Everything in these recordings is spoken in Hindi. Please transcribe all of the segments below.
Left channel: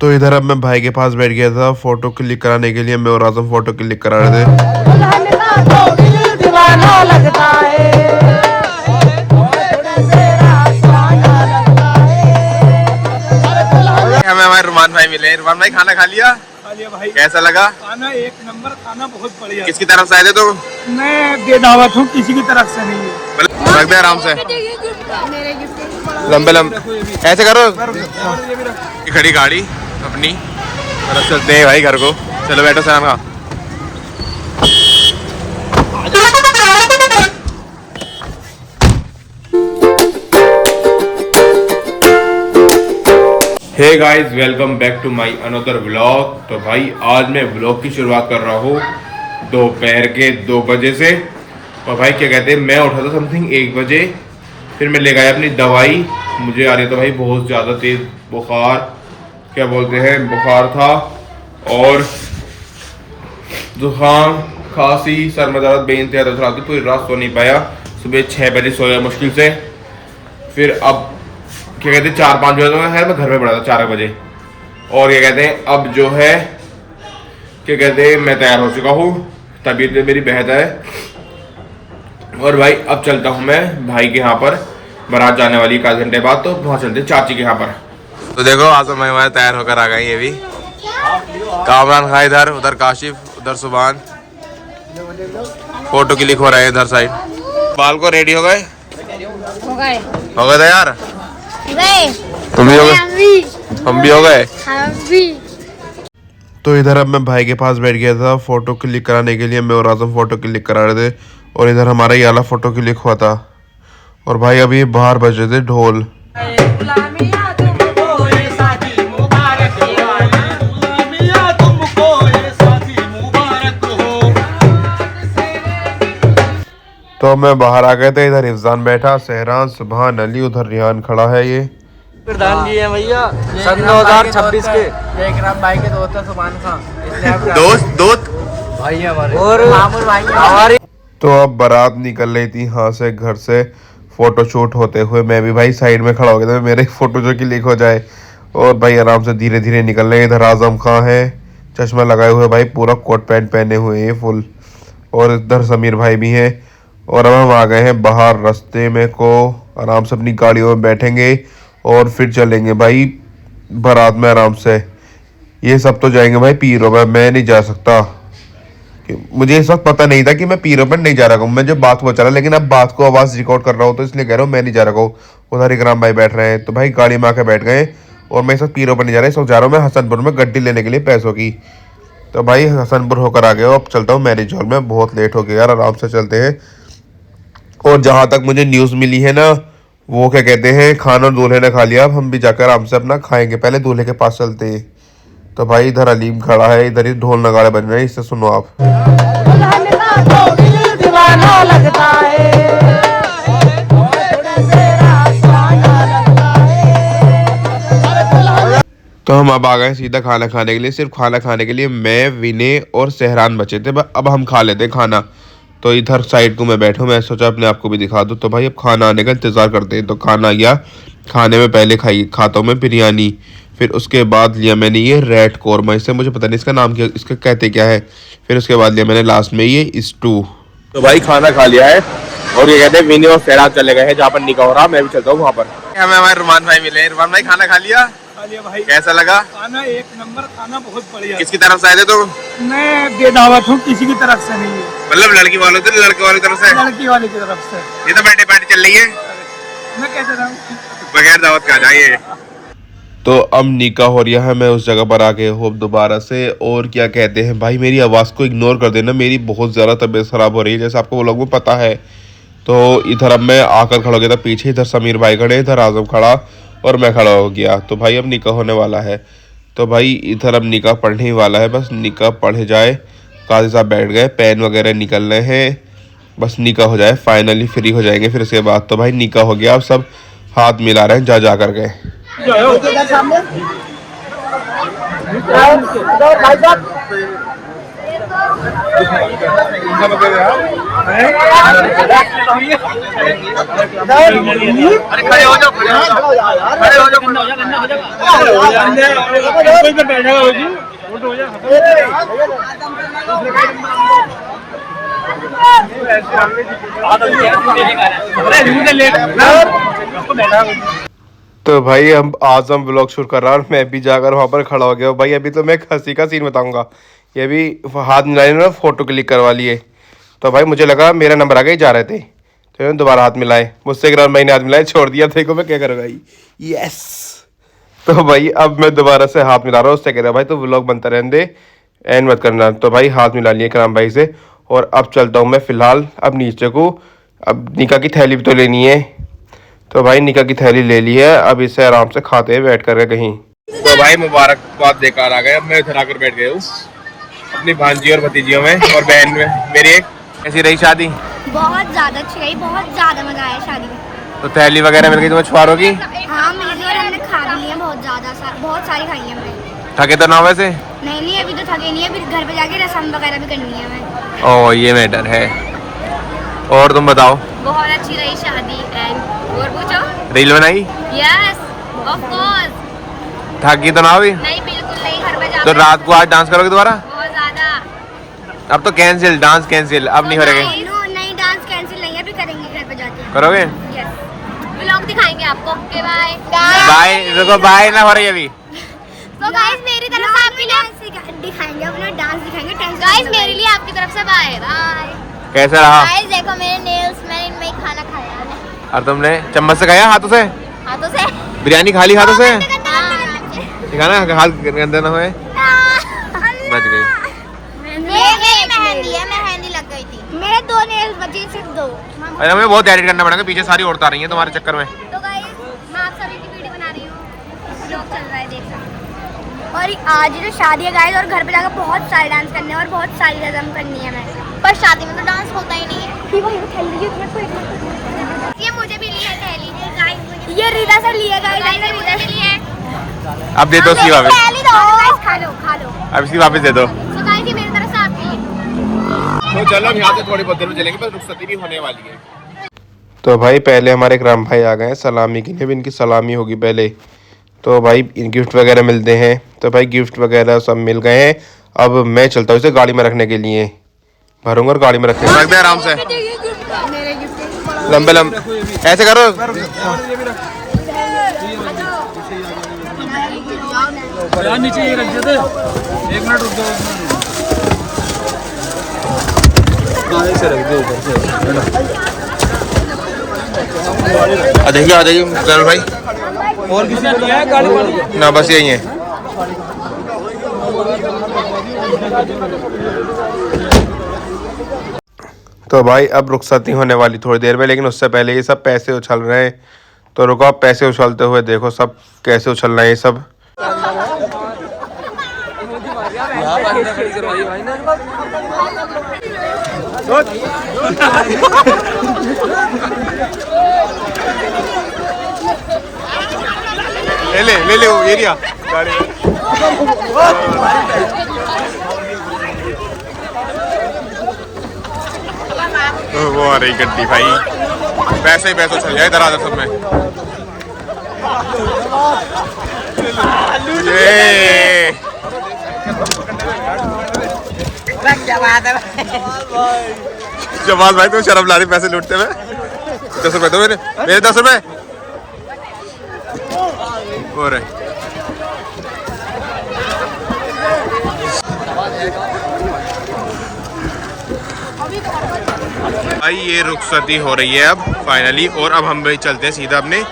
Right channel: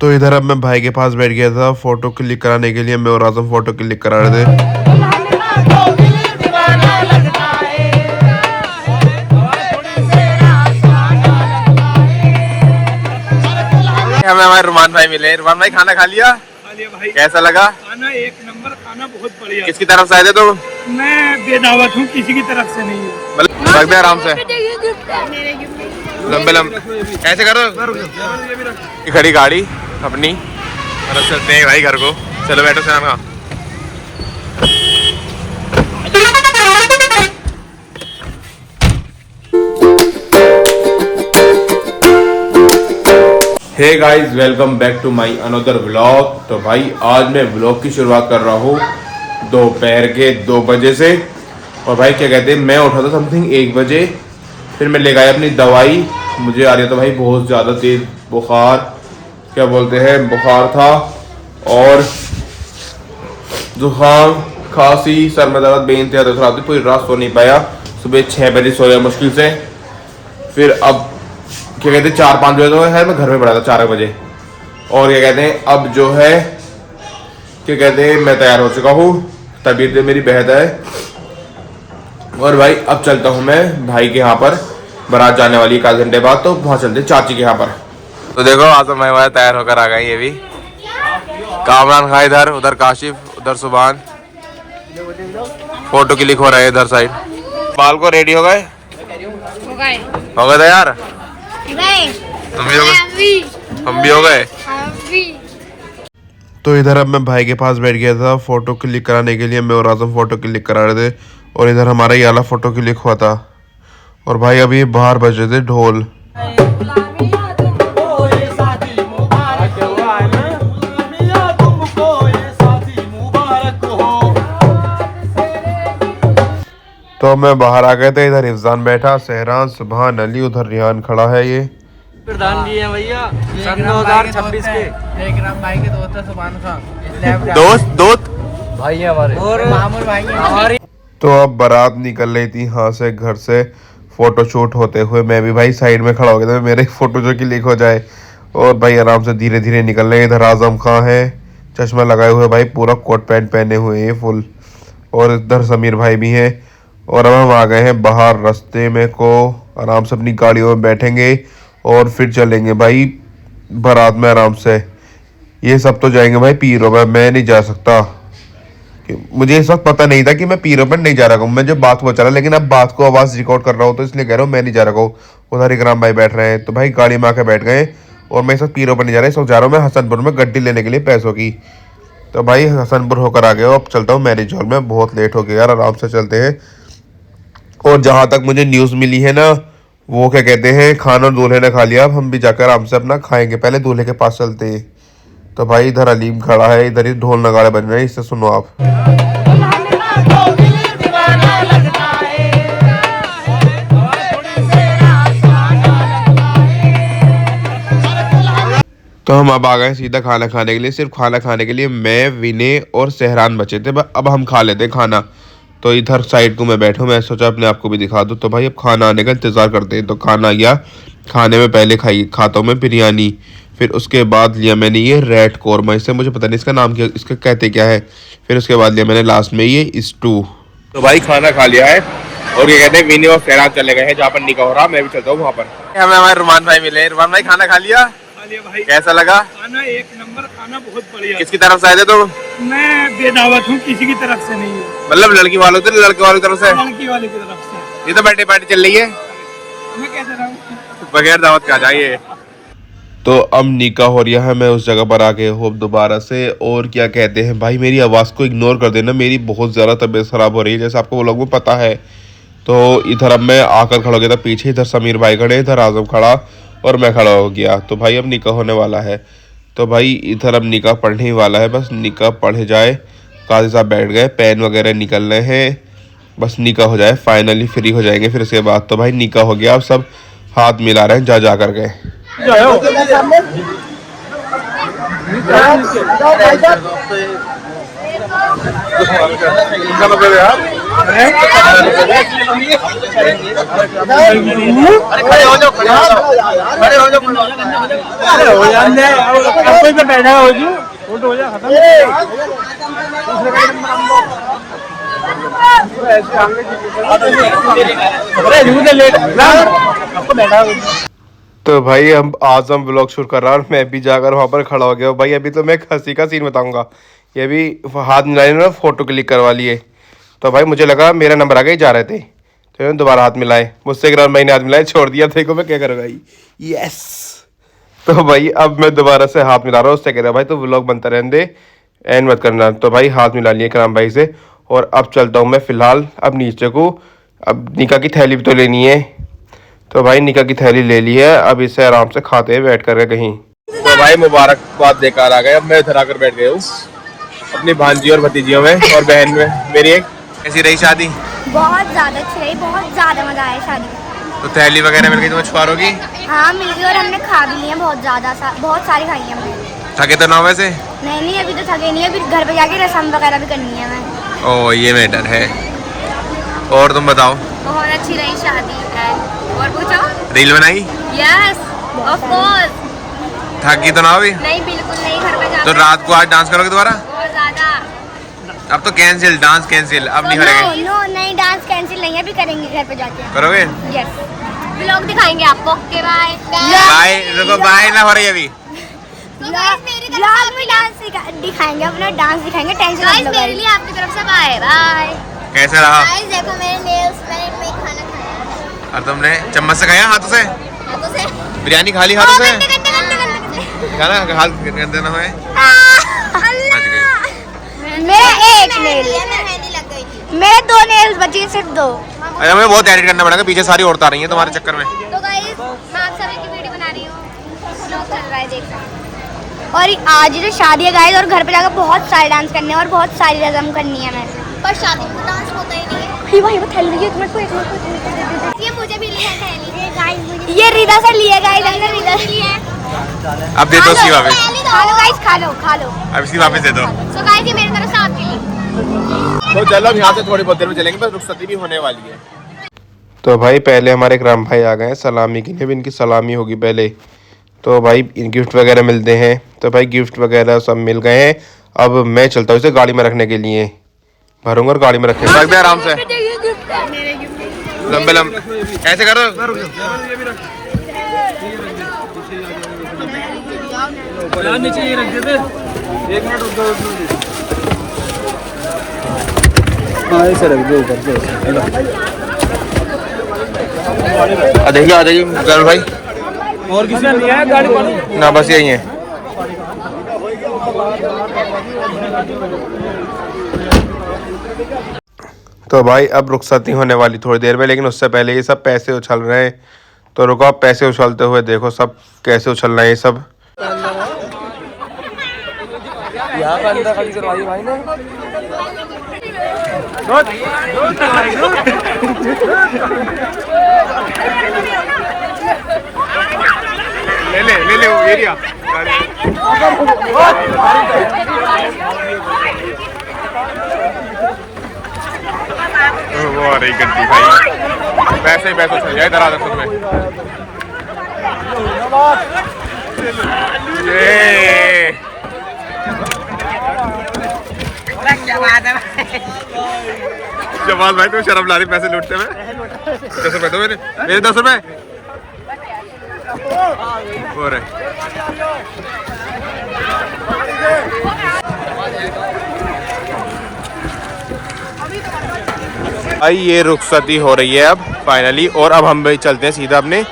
तो इधर अब मैं भाई के पास बैठ गया था फोटो क्लिक कराने के लिए। मैं और आजम फोटो क्लिक करा रहे थे। हमें हमारे रुमान भाई मिले। रुमान भाई खाना खा लिया भाई। कैसा लगा? खाना एक नंबर, खाना बहुत बढ़िया। किसकी तरफ से आए थे तुम? मैं बेदावत हूँ, किसी की तरफ से नहीं है। रख दे आराम से, लंबे लंबे ऐसे करो। ये खड़ी गाड़ी अपनी तरफ चलते हैं भाई घर को। चलो बैठो सलाम खा। Hey guys, welcome back to my another vlog. तो भाई आज मैं व्लॉग की शुरुआत कर रहा हूँ दोपहर के 2 बजे से। और भाई क्या कहते हैं, मैं उठा था समथिंग 1 बजे। फिर मैं ले गया अपनी दवाई। मुझे आ रहा था भाई बहुत ज़्यादा तेज बुखार, क्या बोलते हैं, बुखार था और जुकाम, खांसी, सर में दर्द, बेइंतहा दर्द थी। पूरी रात सो नहीं पाया। सुबह 6 बजे सो गया मुश्किल से। फिर अब क्या कहते हैं 4-5 बजे तो मैं घर में पड़ा था 4 बजे। और क्या कहते हैं अब जो है क्या कहते हैं मैं तैयार हो चुका हूँ, तबीयत मेरी बेहतर है। और भाई अब चलता हूँ मैं भाई के यहाँ पर, बारात जाने वाली 1 घंटे बाद, तो वहाँ चलते चाची के यहाँ पर। तो देखो आजम भाई हमारे तैयार होकर आ गए। ये भी कामरान खा इधर, उधर काशिफ, उधर सुभान फोटो क्लिक हो रहे हैं इधर साइड। बाल को रेडी हो गए? हो गए तैयार? नहीं, तुम भी हो गए? हम भी हो गए। तो इधर अब मैं भाई के पास बैठ गया था फोटो क्लिक कराने के लिए। मैं और आजम फोटो क्लिक करा रहे थे और इधर हमारा ये वाला फोटो क्लिक हुआ था। और भाई अभी बाहर बज रहे थे ढोल। तो मैं बाहर आ गए थे। इधर इफ्जान बैठा, सहरान, सुभान अली, उधर रिहान खड़ा है। ये प्रधान जी हैं भैया सन 2026 के। देख रहा भाई के दोस्त है सुभान खान, दोस्त भाई है हमारे, और मामूल भाई हमारे। तो अब बारात निकल रही थी यहाँ से, घर से फोटो शूट होते हुए। मैं भी भाई साइड में खड़ा हो गया था, मेरे फोटो जो क्लिक हो जाए। और भाई आराम से धीरे धीरे निकल रहे हैं। इधर आजम खां है, चश्मा लगाए हुए भाई, पूरा कोट पैंट पहने हुए हैं फुल। और इधर समीर भाई भी हैं। और अब हम आ गए हैं बाहर रास्ते में को, आराम से अपनी गाड़ियों में बैठेंगे और फिर चलेंगे भाई बारात में आराम से। ये सब तो जाएंगे भाई पीरों में, मैं नहीं जा सकता। मुझे इस वक्त पता नहीं था कि मैं पीरों पर नहीं जा रहा हूँ। मैं जब बात को चला, लेकिन अब बात को आवाज़ रिकॉर्ड कर रहा हूँ तो इसलिए कह रहा हूँ मैं नहीं जा रहा हूँ। उधर इकराम भाई बैठ रहे हैं, तो भाई गाड़ी में आके बैठ गए। और मैं इस वक्त पीरों पर नहीं जा रहा, इस वक्त जा रहा हूँ मैं हसनपुर में गड्डी लेने के लिए पैसों की। तो भाई हसनपुर होकर आ गए। अब चलता हूँ मैरिज हॉल में, बहुत लेट हो गया यार, आराम से चलते हैं। और जहाँ तक मुझे न्यूज़ मिली है ना, वो क्या कहते हैं खाना दूल्हे ने खा लिया। अब हम भी जाकर आराम से अपना खाएंगे, पहले दूल्हे के पास चलते हैं। तो भाई इधर अलीम खड़ा है, इधर ही ढोल नगाड़े बज रहे हैं, इससे सुनो आप। तो हम अब आ गए सीधा खाना खाने के लिए। सिर्फ खाना खाने के लिए मैं, विनय और सहरान बचे थे। अब हम खा लेते खाना। तो इधर साइड को मैं बैठा, मैं सोचा अपने आप को भी दिखा दूँ। तो भाई अब खाना आने का इंतज़ार करते हैं। तो खाना आ गया। खाने में पहले खाता हूँ मैं बिरयानी, फिर उसके बाद लिया मैंने ये रेड कौरमा, इससे मुझे पता नहीं इसका नाम क्या, इसका कहते क्या है। फिर उसके बाद लिया मैंने लास्ट में ये स्टू। तो भाई खाना खा लिया है और ये कहते हैं विनय और सहरान चले गए हैं जहाँ पर निकाह हो रहा। मैं भी चलता हूँ वहाँ पर। हमें हमारे रुमान भाई मिले। रुमान भाई खाना खा लिया भाई। कैसा लगा? खाना एक नंबर, खाना बहुत बढ़िया। किसकी तरफ से आए थे तुम? मैं बेदावत हूँ, किसी की तरफ से नहीं है। मतलब लड़की वालों से, लड़के वालों की तरफ से? लड़की वाले की तरफ से। ये तो बर्थडे पार्टी चल रही है, मैं कैसे रहूँ बगैर दावत का जाइए। तो अब निकाह हो रहा है, मैं उस जगह पर आ गया हूँ दोबारा से। और क्या कहते हैं भाई, मेरी आवाज़ को इग्नोर कर देना, मेरी बहुत ज़्यादा तबीयत ख़राब हो रही है, जैसे आपको वो लोगों को पता है। तो इधर अब मैं आकर खड़ा हो गया था पीछे, इधर समीर भाई खड़े, इधर आजम खड़ा और मैं खड़ा हो गया। तो भाई अब निकाह होने वाला है। तो भाई इधर अब निकाह पढ़ने ही वाला है, बस निकाह पढ़े जाए। काजी साहब बैठ गए, पेन वगैरह निकल रहे हैं, बस निकाह हो जाए, फाइनली फ्री हो जाएंगे। फिर उसके बाद तो भाई निकाह हो गया। अब सब हाथ मिला रहे हैं जा कर गए। तो भाई हम ब्लॉग शूट कर रहा हूँ और मैं भी जाकर वहाँ पर खड़ा हो गया हूँ। भाई अभी तो मैं एक हंसी का सीन बताऊंगा। ये भी हाथ मिलाए ना, फोटो क्लिक करवा लिए। तो भाई मुझे लगा मेरा नंबर आ गया, जा रहे थे तो मैंने दोबारा हाथ मिलाए। मुझसे एक राउंड मैंने हाथ मिलाए, छोड़ दिया। देखो मैं क्या कर भाई, यस। तो भाई अब मैं दोबारा से हाथ मिला रहा हूँ। उससे कह रहा भाई तो व्लॉग बनता रहने दे, एंड मत करना। तो भाई हाथ मिला लिए कराम भाई से और अब चलता हूँ मैं फिलहाल अब नीचे को। अब निका की थैली भी तो लेनी है। तो भाई निका की थैली ले ली है, अब इसे आराम से खाते हैं बैठ कर कहीं। तो भाई मुबारकबाद देकर आ गए। अब मैं इधर आकर बैठ गया हूँ अपनी भांजी और भतीजियों में और बहन में। मेरी एक कैसी रही शादी? बहुत ज्यादा अच्छी रही, बहुत ज्यादा मजा आया शादी में। तो थैली वगैरह मिल गई तुम्हें छुआरों की? हाँ मिल गई और हमने खा भी लिया बहुत ज्यादा, बहुत सारी खाई है हमने। थके तो ना वैसे? नहीं अभी तो थके नहीं, अभी घर पे जाके रसम वगैरह भी करनी है हमें। ओ ये मैटर है। और तुम बताओ? बहुत अच्छी रही शादी। और पूछो। रील बनाई? Yes of course. थकी तो ना अभी? नहीं बिल्कुल नहीं, घर पे जाके। तो रात को आज डांस करोगे दोबारा? बहुत ज्यादा। अब तो कैंसिल, डांस कैंसिल, अब नहीं हो रहा। नहीं डांस कैंसिल नहीं है, अभी करेंगे घर पे जाके। करोगे? यस व्लॉग दिखाएंगे आपको। Okay bye bye. देखो बाय ना हो रही अभी। तो गाइस मेरी तरफ से आपकी डांस दिखाएंगे, अपना डांस दिखाएंगे। टेंशन गाइस मेरे लिए आपकी तरफ से बाय बाय। कैसा रहा? गाइस देखो मेरे नेल्स, मैंने इनमें खाना खाया है। और तुमने चम्मच से खाया? हाथों से? हाथों से बिरयानी खा ली हाथों से? हाँ। हाथ गंदे ना हुए? बच गई। मेहंदी लग गई थी। मेरे 2 नेल्स बची, सिर्फ 2। अरे हमें बहुत एडिट करना पड़ेगा, पीछे सारी औरतें आ रही हैं तुम्हारे चक्कर में। तो गाइस मैं आप सभी की वीडियो बना रही हूँ, व्लॉग चल रहा है देखो। और आज जो शादी है गाइस, और घर पे जाकर बहुत सारे डांस करने हैं और बहुत सारी रस्म करनी है हमें। पर शादी में तो डांस होता ही नहीं है। भाई वो थैली है, ये मुझे भी लिया थैली। ये गाइस ये रीदा से लिया गाइस, रीदा से लिया है। अब दे दो उसकी वापस। खा लो। अब इसकी वापस दे दो। तो गाइस ये मेरी तरफ से आपके लिए। तो चलो यहाँ से थोड़ी बहुत देर में चलेंगे, बस रुखसती भी होने वाली है। तो भाई पहले हमारे राम भाई आ गए हैं सलामी के लिए। अब इनकी सलामी होगी पहले। तो भाई गिफ्ट वगैरह मिलते हैं। तो भाई गिफ्ट वगैरह सब मिल गए हैं। अब मैं चलता हूँ इसे गाड़ी में रखने के लिए, भरूंगा और गाड़ी में रखेंगे। रख दे आराम से, लंबे लंबे ऐसे करो। नीचे ही रख देते। 1 मिनट रुक दो, 1 मिनट ऐसे रख दो ऊपर से। आ जाइए गर्ल भाई। और किसी ने लिया है गाड़ी वाली? ना बस यही है। तो भाई अब रुखसती होने वाली थोड़ी देर में, लेकिन उससे पहले ये सब पैसे उछल रहे हैं। तो रुको, आप पैसे उछलते हुए देखो सब कैसे उछल रहे हैं ये सब। ले वो एरिया गाड़ी में। वो आ रही गड्डी भाई, पैसे ही पैसे चल जाए इधर आधर सब में। ये जमाल भाई तुम शर्म ला रही पैसे लूटते में। 10 रुपए दो मेरे 10 रुपए हो रहे। भाई ये रुखसती हो रही है अब फाइनली, और अब हम भी चलते हैं सीधा अपने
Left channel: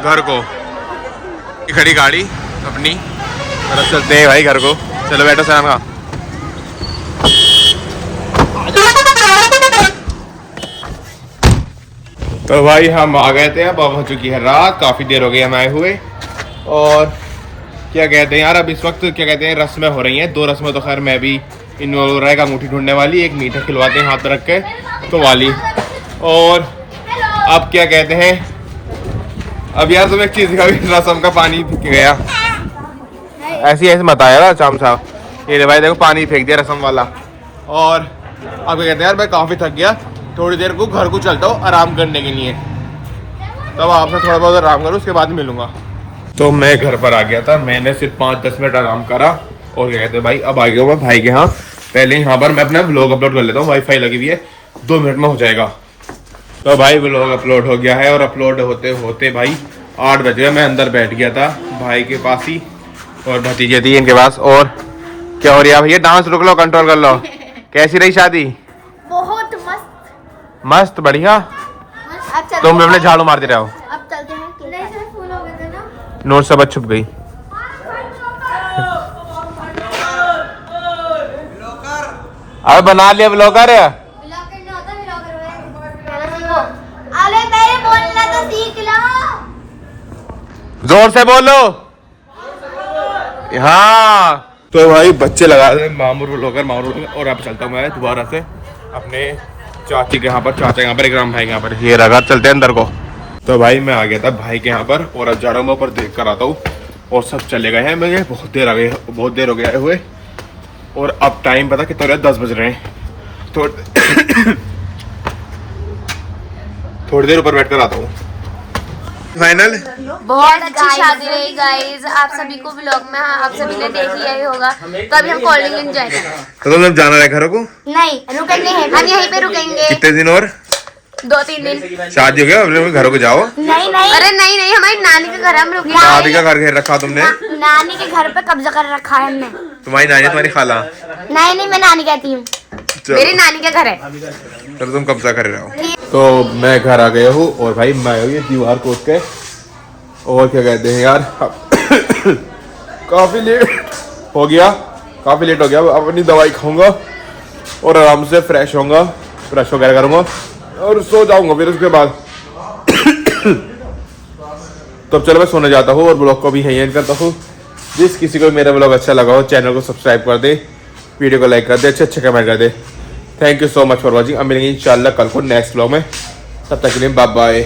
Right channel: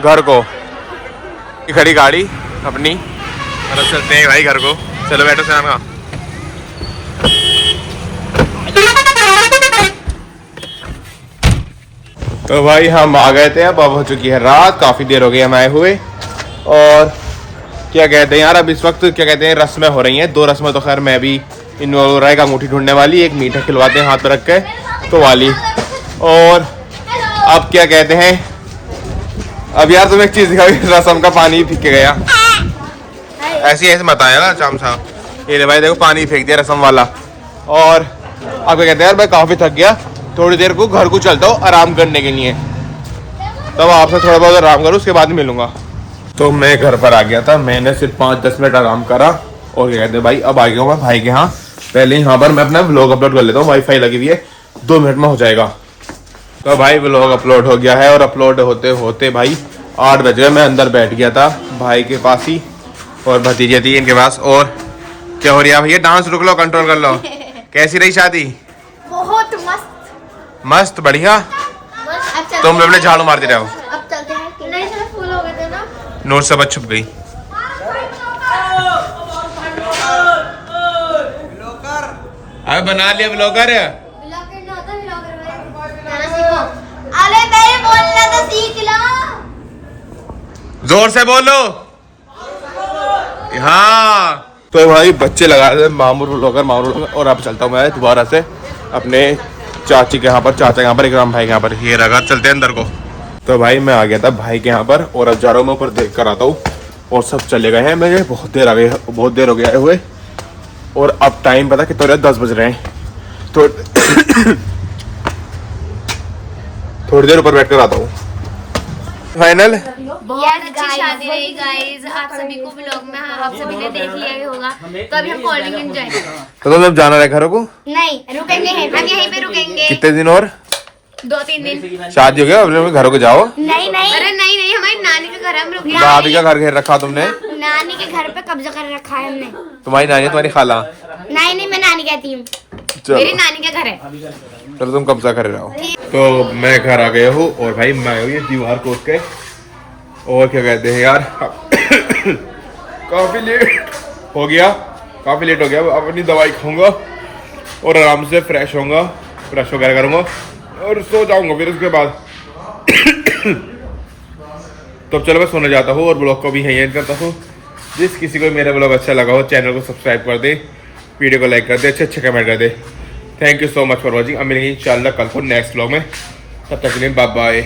घर को। खड़ी गाड़ी अपनी तरफ चलते हैं भाई घर को। चलो बैठो सैन का। तो भाई हम आ गए थे, अब हो चुकी है रात, काफ़ी देर हो गई हम आए हुए। और क्या कहते हैं यार, अब इस वक्त क्या कहते हैं रस्में हो रही हैं। 2 रस्में तो खैर मैं भी इन राय का अंगूठी ढूंढने वाली, एक मीठा खिलवाते हैं हाथ पर रख के तो वाली। और अब क्या कहते हैं, अब यार तुम्हें एक चीज़ दिखाई, रस्म का पानी पी के गया। ऐसे मत आया ना शाम साहब। ये भाई देखो पानी फेंक दिया रस्म वाला। और आपको कहते हैं यार मैं काफ़ी थक गया, थोड़ी देर को घर को चलता हूँ आराम करने के लिए, तब आपसे थोड़ा बहुत आराम करूँ उसके बाद मिलूंगा। तो मैं घर पर आ गया था, मैंने सिर्फ 5-10 मिनट आराम करा और क्या कहते हैं भाई अब आ गया हूँ मैं भाई के यहाँ। पहले यहाँ पर मैं अपना व्लॉग अपलोड कर लेता हूँ, वाईफाई लगी हुई है, 2 मिनट में हो जाएगा। तो भाई व्लॉग अपलोड हो गया है और अपलोड होते होते भाई 8 बज गए। मैं अंदर बैठ गया था भाई के पास ही और भतीजे थी इनके पास। और क्या हो रहा है भैया? डांस रुक लो, कंट्रोल कर लो। कैसी रही शादी? बहुत मस्त। मस्त, बढ़िया। तुम अपने झाड़ू मारते रहो। अब चलते हैं, नहीं सिर्फ फूल हो गए थे ना, नोट सब छुप गई। अब बना लिया ब्लॉगर। अरे नहीं बोलना तो सीख लो। जोर से बोलो। हाँ तो भाई बच्चे लगा रहे मामूर ब्लॉगर और अब चलता हूँ मैं दोबारा से अपने चाची के यहाँ पर, चाचा के यहाँ पर, इकराम भाई के यहाँ पर। ये रखा, चलते हैं अंदर को। तो भाई मैं आ गया था भाई के यहाँ पर और अब जा रहा हूँ मैं ऊपर देख कर आता हूँ। और सब चले गए हैं, मुझे बहुत देर हो गया हुए। और अब टाइम पता कितना हो रहा है? 10 बज रहे हैं। तो थोड़ी देर ऊपर बैठ कर आता हूँ। फाइनल बहुत अच्छी शादी रही गाइस, आप सभी को व्लॉग में आप सभी ने देख लिया ही होगा। तो अभी हम कोल्ड ड्रिंक एंजॉय करेंगे। तो तुम जाना है घरों को? नहीं रुकेंगे, हम यहीं पे रुकेंगे। कितने दिन और? 2-3 दिन। शादी हो गया, अपने घरों को जाओ। नहीं नहीं, अरे नहीं नहीं, हमारी नानी के घर हम रुकेंगे। दादी का घर घेर रखा तुमने? नानी के घर पे कब्जा कर रखा है हमने। तुम्हारी नानी है, तुम्हारी खाला? नहीं नहीं, मैं नानी कहती हूँ, मेरी नानी का घर है। चलो तुम कब्जा कर रहे हो। तो मैं घर आ गया हूँ और भाई मैं ये दीवार कोट के और क्या कहते हैं यार काफी लेट हो गया। अब अपनी दवाई खाऊंगा और आराम से फ्रेश होऊंगा, ब्रश वगैरह करूंगा और सो जाऊंगा फिर उसके बाद। तो चलो मैं सोने जाता हूँ और ब्लॉग को भी यहीं एंड करता हूँ। जिस किसी को मेरा ब्लॉग अच्छा लगा हो चैनल को सब्सक्राइब कर दे, वीडियो को लाइक कर दे, अच्छे कमेंट कर दे। Thank you so much for watching. अब मिलेंगे इंशाल्लाह कल को नेक्स्ट ब्लॉग में, तब तक के लिए बाय बाय।